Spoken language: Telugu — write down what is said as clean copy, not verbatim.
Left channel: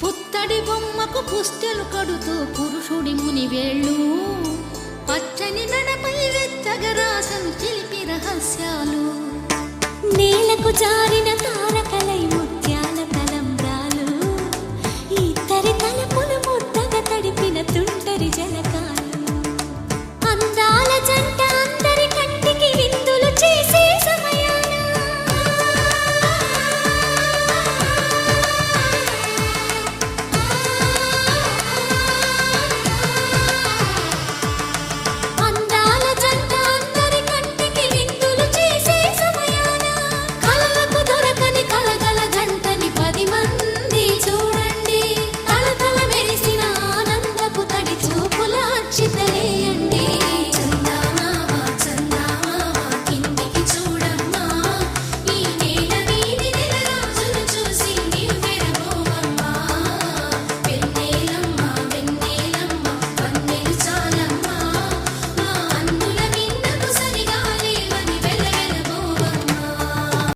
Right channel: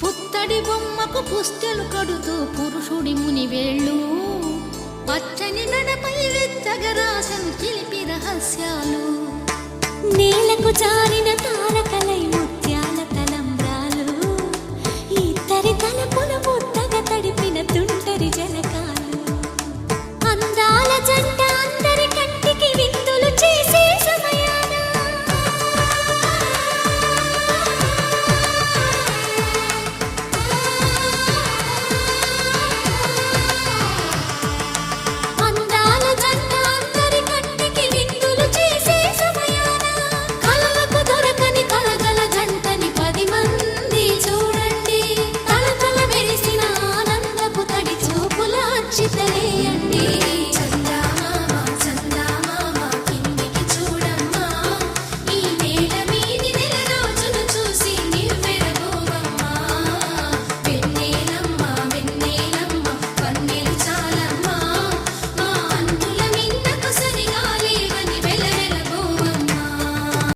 పుత్తడి బొమ్మకు పుస్తెలు కడుతూ పురుషుడి ముని వేళ్ళు పచ్చని నడపై వెచ్చగరాసను చిలిపి రహస్యాలు నేలకు జారిన తారకలై ముత్యాల తలంబ్రాలు ఇద్దరి తలపులు ముద్దగా తడిపిన తుంటరి జలకాలు అందాల జంట